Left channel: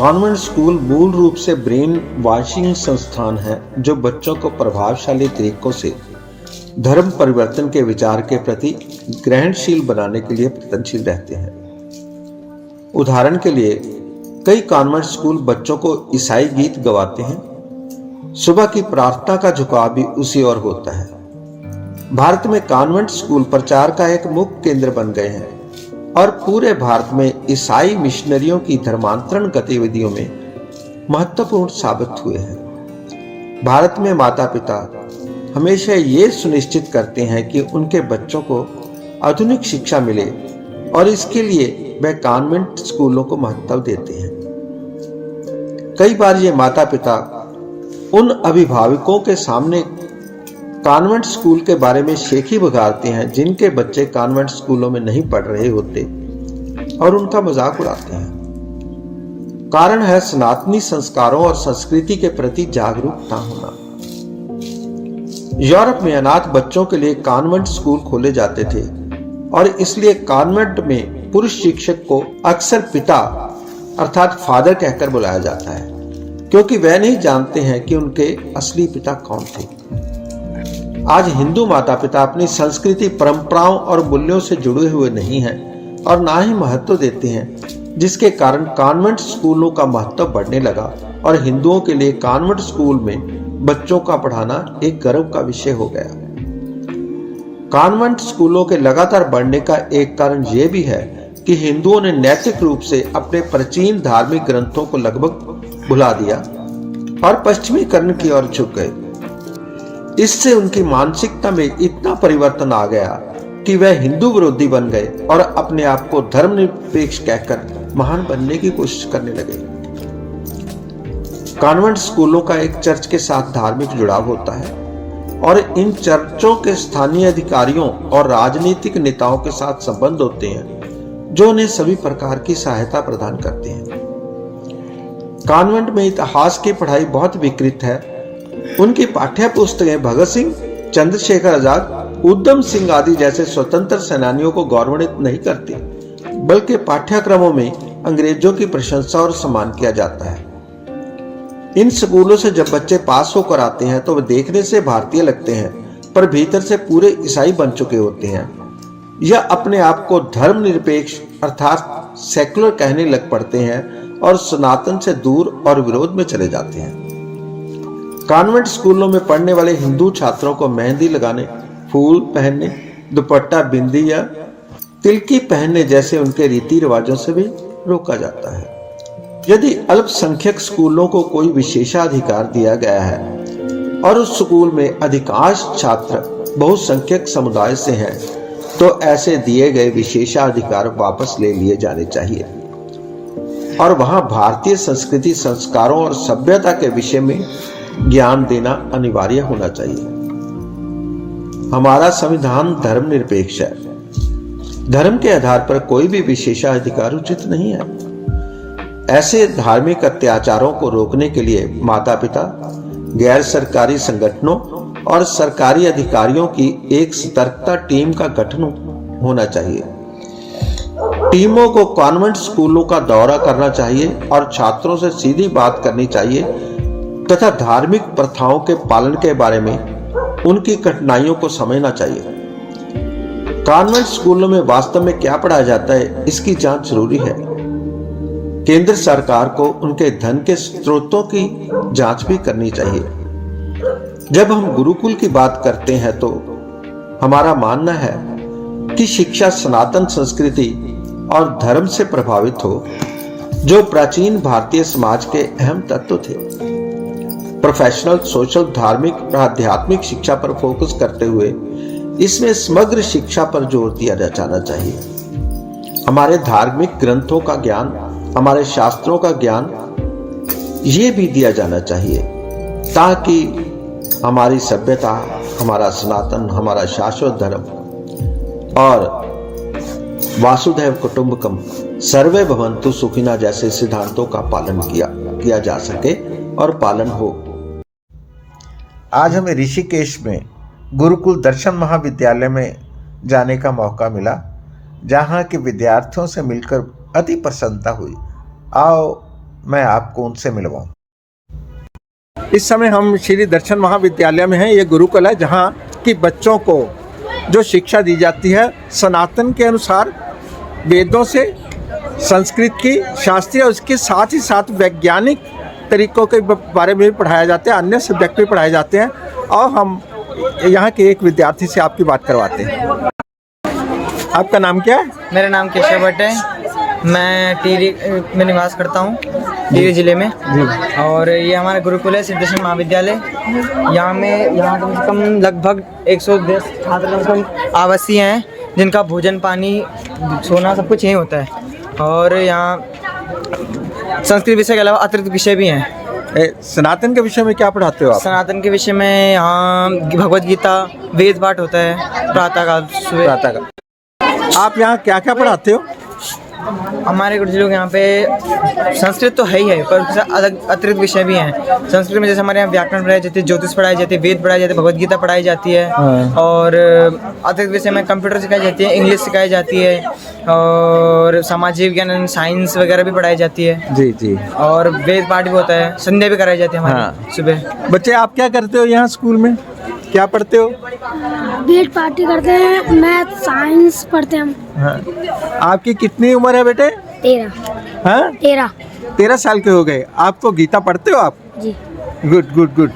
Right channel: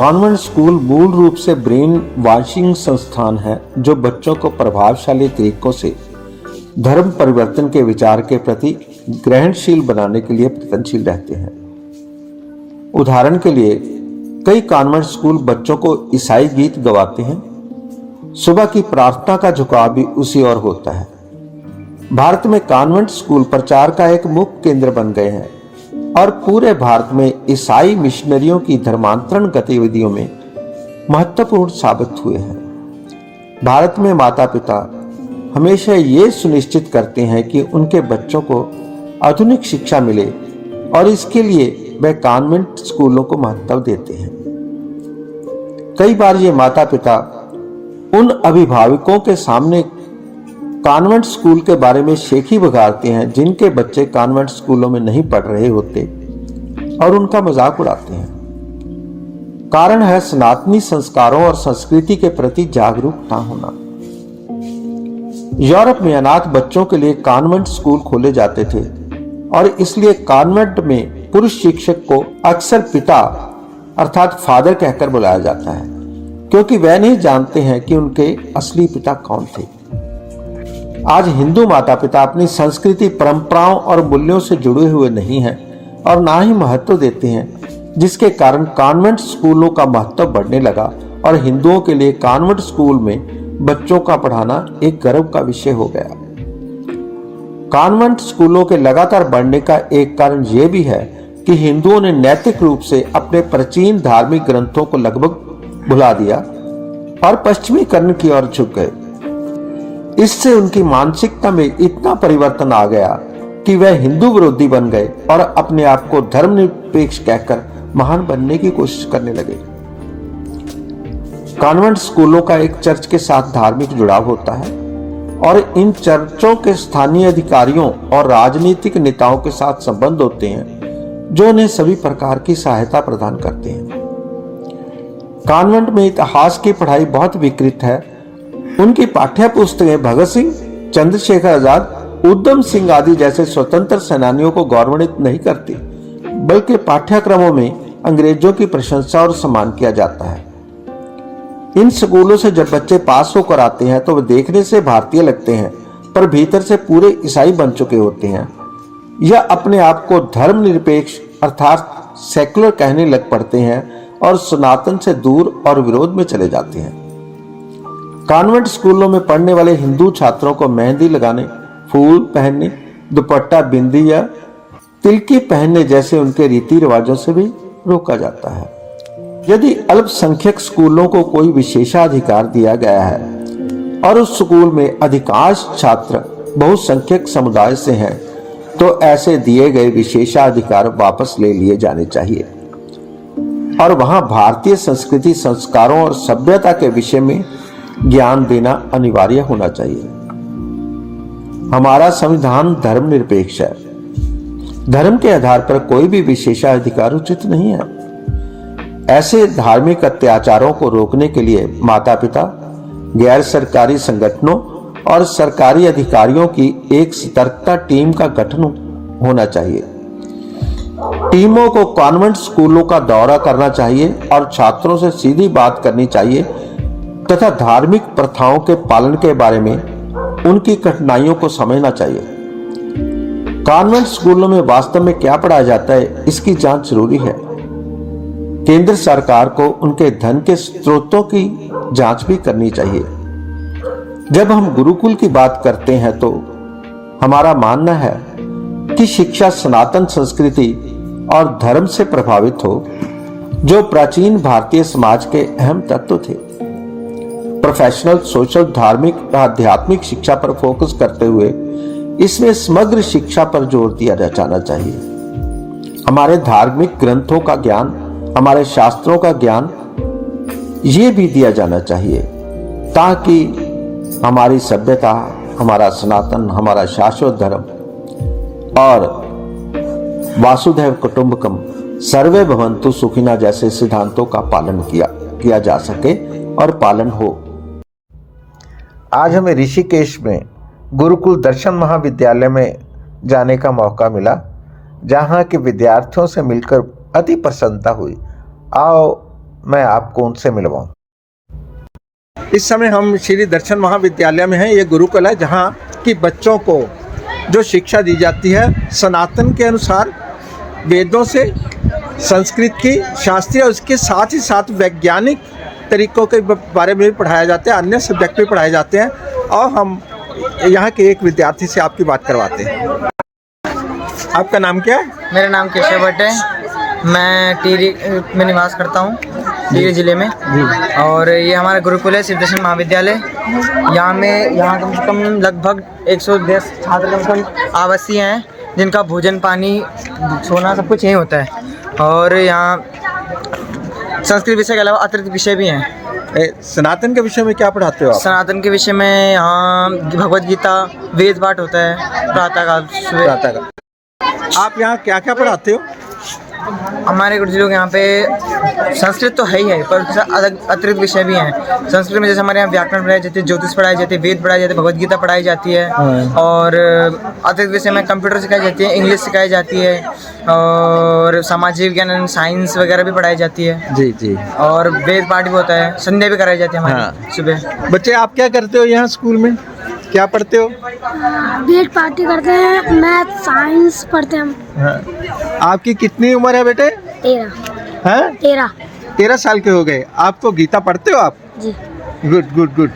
Convent school मूल रूप से ब्रेन वॉशिंग संस्थान है जो बच्चों को प्रभावशाली तरीकों से धर्म परिवर्तन के विचार के प्रति ग्रहणशील बनाने के लिए प्रयत्नशील रहते हैं। उदाहरण के लिए कई कॉन्वेंट स्कूल बच्चों को ईसाई गीत गवाते हैं। सुबह की प्रार्थना का झुकाव भी उसी ओर होता है। भारत में कॉन्वेंट स्कूल प्रचार का एक मुख्य केंद्र बन गए हैं और पूरे भारत में ईसाई मिशनरियों की धर्मांतरण गतिविधियों में महत्वपूर्ण साबित हुए हैं। भारत में माता पिता हमेशा ये सुनिश्चित करते हैं कि उनके बच्चों को आधुनिक शिक्षा मिले और इसके लिए वे कॉन्वेंट स्कूलों को महत्व देते हैं। कई बार ये माता पिता उन अभिभावकों के सामने कॉन्वेंट स्कूल के बारे में शेखी बघारते हैं जिनके बच्चे कॉन्वेंट स्कूलों में नहीं पढ़ रहे होते और उनका मजाक उड़ाते हैं। कारण है सनातनी संस्कारों और संस्कृति के प्रति जागरूक ना होना। यूरोप में अनाथ बच्चों के लिए कॉन्वेंट स्कूल खोले जाते थे और इसलिए कॉन्वेंट में पुरुष शिक्षक को अक्सर पिता अर्थात फादर कहकर बुलाया जाता है, क्योंकि वह नहीं जानते हैं कि उनके असली पिता कौन थे। आज हिंदू माता पिता अपनी संस्कृति, परंपराओं और मूल्यों से जुड़े हुए नहीं हैं और ना ही महत्व देते हैं, जिसके कारण कॉन्वेंट स्कूलों का महत्व बढ़ने लगा और हिंदुओं के लिए कॉन्वेंट स्कूल में बच्चों का पढ़ाना एक गर्व का विषय हो गया। कॉन्वेंट स्कूलों के लगातार बढ़ने का एक कारण यह भी है कि हिंदुओं ने नैतिक रूप से अपने प्राचीन धार्मिक ग्रंथों को लगभग भुला दिया और पश्चिमीकरण की ओर झुक गए। इससे उनकी मानसिकता में इतना परिवर्तन आ गया कि वह हिंदू विरोधी बन गए और अपने आप को धर्मनिरपेक्ष कहकर महान बनने की कोशिश करने लगे। कॉन्वेंट स्कूलों का एक चर्च के साथ धार्मिक जुड़ाव होता है और इन चर्चों के स्थानीय अधिकारियों और राजनीतिक नेताओं के साथ संबंध होते हैं जो उन्हें सभी प्रकार की सहायता प्रदान करते हैं। कॉन्वेंट में इतिहास की पढ़ाई बहुत विकृत है। उनकी पाठ्य पुस्तकें भगत सिंह, चंद्रशेखर आजाद, उधम सिंह आदि जैसे स्वतंत्र सेनानियों को गौरवान्वित नहीं करती, बल्कि पाठ्यक्रमों में अंग्रेजों की प्रशंसा और सम्मान किया जाता है। इन स्कूलों से जब बच्चे पास होकर आते हैं तो वे देखने से भारतीय लगते हैं, पर भीतर से पूरे ईसाई बन चुके होते हैं या अपने आप को धर्मनिरपेक्ष अर्थात सेकुलर कहने लग पड़ते हैं और सनातन से दूर और विरोध में चले जाते हैं। कॉन्वेंट स्कूलों में पढ़ने वाले हिंदू छात्रों को मेहंदी लगाने, फूल पहनने, दुपट्टा, बिंदी या तिलकी पहनने जैसे उनके रीति रिवाजों से भी रोका जाता है। यदि अल्पसंख्यक स्कूलों को कोई विशेषाधिकार दिया गया है और उस स्कूल में अधिकांश छात्र बहुसंख्यक समुदाय से हैं, तो ऐसे दिए गए विशेषाधिकार वापस ले लिए जाने चाहिए और वहां भारतीय संस्कृति, संस्कारों और सभ्यता के विषय में ज्ञान देना अनिवार्य होना चाहिए। हमारा संविधान धर्मनिरपेक्ष है। धर्म के आधार पर कोई भी विशेषाधिकार उचित नहीं है। ऐसे धार्मिक अत्याचारों को रोकने के लिए माता पिता, गैर सरकारी संगठनों और सरकारी अधिकारियों की एक सतर्कता टीम का गठन होना चाहिए। टीमों को कॉन्वेंट स्कूलों का दौरा करना चाहिए और छात्रों से सीधी बात करनी चाहिए तथा धार्मिक प्रथाओं के पालन के बारे में उनकी कठिनाइयों को समझना चाहिए। कॉन्वेंट स्कूलों में वास्तव में क्या पढ़ाया जाता है, इसकी जांच जरूरी है। केंद्र सरकार को उनके धन के स्रोतों की जांच भी करनी चाहिए। जब हम गुरुकुल की बात करते हैं तो हमारा मानना है कि शिक्षा सनातन संस्कृति और धर्म से प्रभावित हो, जो प्राचीन भारतीय समाज के अहम तत्व थे। प्रोफेशनल, सोशल, धार्मिक, आध्यात्मिक शिक्षा पर फोकस करते हुए इसमें समग्र शिक्षा पर जोर दिया जाना चाहिए। हमारे धार्मिक ग्रंथों का ज्ञान, हमारे शास्त्रों का ज्ञान ये भी दिया जाना चाहिए ताकि हमारी सभ्यता, हमारा सनातन, हमारा शाश्वत धर्म और वासुदेव कुटुंबकम, सर्वे भवन्तु सुखिनः जैसे सिद्धांतों का पालन किया जा सके और पालन हो। आज हमें ऋषिकेश में गुरुकुल दर्शन महाविद्यालय में जाने का मौका मिला, जहां के विद्यार्थियों से मिलकर अति प्रसन्नता हुई। आओ मैं आपको उनसे मिलवाऊं। इस समय हम श्री दर्शन महाविद्यालय में हैं। ये गुरुकुल है जहाँ की बच्चों को जो शिक्षा दी जाती है सनातन के अनुसार, वेदों से, संस्कृत की, शास्त्रीय, और उसके साथ ही साथ वैज्ञानिक तरीकों के बारे में भी पढ़ाया जाता है, अन्य सब्जेक्ट भी पढ़ाए जाते हैं। और हम यहाँ के एक विद्यार्थी से आपकी बात करवाते हैं। आपका नाम क्या है? मेरा नाम केशव भट्ट है। मैं टिहरी में निवास करता हूँ, टिहरी जिले में जी। और ये हमारा गुरुकुल है, श्री दर्शन महाविद्यालय। यहाँ कम से कम लगभग 110 छात्र कम से कम आवासीय हैं, जिनका भोजन, पानी, सोना सब कुछ यहीं होता है। और यहाँ संस्कृत विषय के अलावा अतिरिक्त विषय भी हैं। सनातन के विषय में क्या पढ़ाते हो आप? सनातन के विषय में यहाँ भगवद गीता, वेद पाठ होता है प्रातःकाल। आप यहाँ क्या क्या पढ़ाते हो? हमारे गुरुजी लोग यहाँ पे संस्कृत तो है ही है, पर अलग अतिरिक्त विषय भी हैं। संस्कृत में जैसे हमारे यहाँ व्याकरण पढ़ाई जाती है, ज्योतिष पढ़ाई जाती है, वेद पढ़ाई जाती है, भगवद गीता पढ़ाई जाती है। और अतिरिक्त विषय में कंप्यूटर सिखाई जाती है, इंग्लिश सिखाई जाती है, और सामाजिक विज्ञान, साइंस वगैरह भी पढ़ाई जाती है जी जी। और वेद पाठ भी होता है, संध्या भी कराई जाती है हमारे सुबह। बच्चे आप क्या करते हो यहाँ स्कूल में, क्या पढ़ते हो? वेद पार्टी करते हैं, मैथ साइंस पढ़ते हैं हम। हाँ। आपकी कितनी उम्र है बेटे? 13। हाँ? 13 साल के हो गए। आपको गीता पढ़ते हो आप जी? Good good good.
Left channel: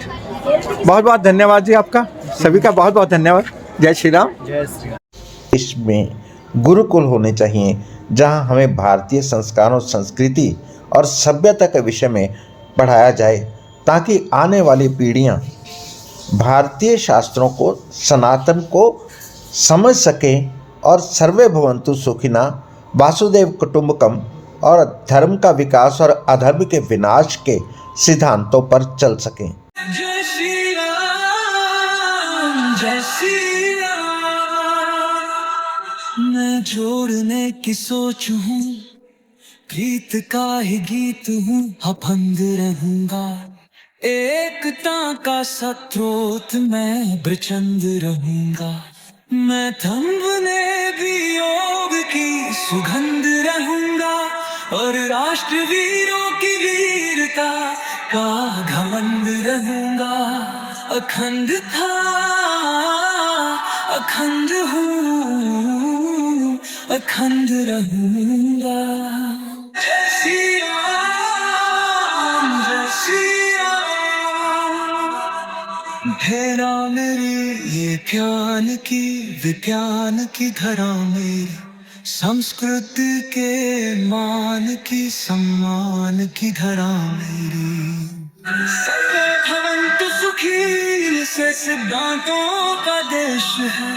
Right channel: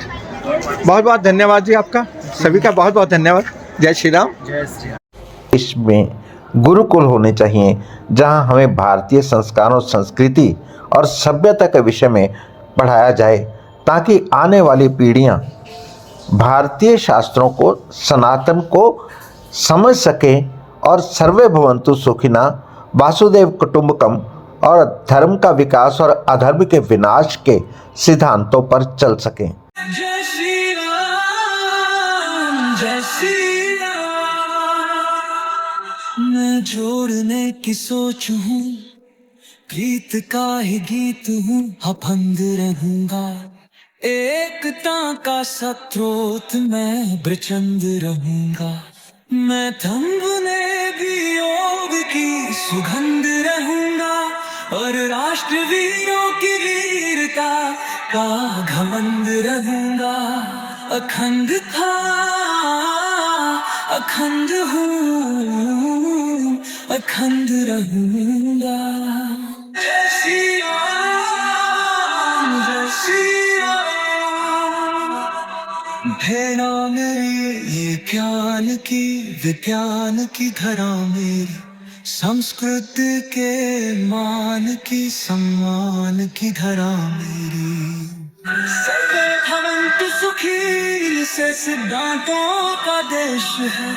बहुत बहुत धन्यवाद जी आपका, सभी का बहुत बहुत धन्यवाद। जय श्री राम। जय श्री राम। देश में गुरुकुल होने चाहिए जहां हमें भारतीय संस्कारों, संस्कृति और सभ्यता के विषय में पढ़ाया जाए, ताकि आने वाली पीढ़ियां भारतीय शास्त्रों को, सनातन को समझ सकें और सर्वे भवन्तु सुखिना, वासुदेव कुटुंबकम और धर्म का विकास और अधर्म के विनाश के सिद्धांतों पर चल सकें। जय श्री राम, जय श्री राम। मैं जोड़ने की सोच हूँ, प्रीत का ही गीत हूँ, अभंग रहूंगा। एकता का स्रोत मैं ब्रचंद रहूंगा। मैं थंबने भी योग की सुगंध रहूंगा, और राष्ट्रवीरों की वीरता का घमंड रहूंगा। अखंड था, अखंड हूँ, अखंड रहूंगा। जय श्री राम, जय श्री राम। भेड़ा मेरी ये ज्ञान की, विज्ञान की धरा मेरी, संस्कृत के मान की, सम्मान की धरा मेरी। सर्वे भवन्तु सुखी से सिद्धांतों का देश है।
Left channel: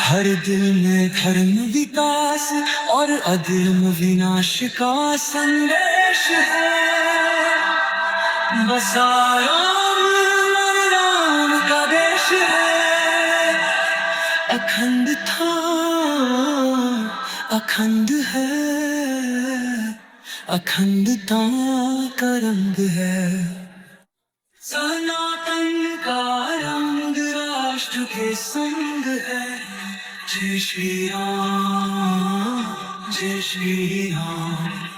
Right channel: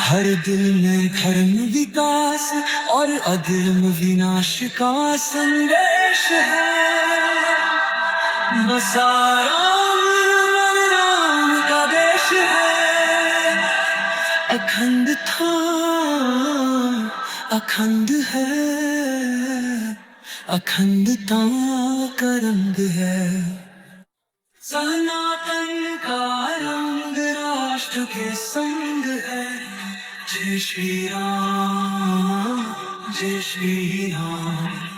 हर दिल में धर्म विकास और अधर्म विनाश का संदेश है। बसा राम और राम का देश है। अखंड था, अखंड है, अखंडता का रंग है। सनातन का रंग राष्ट्र के संग है। जय श्री राम, जय श्री राम।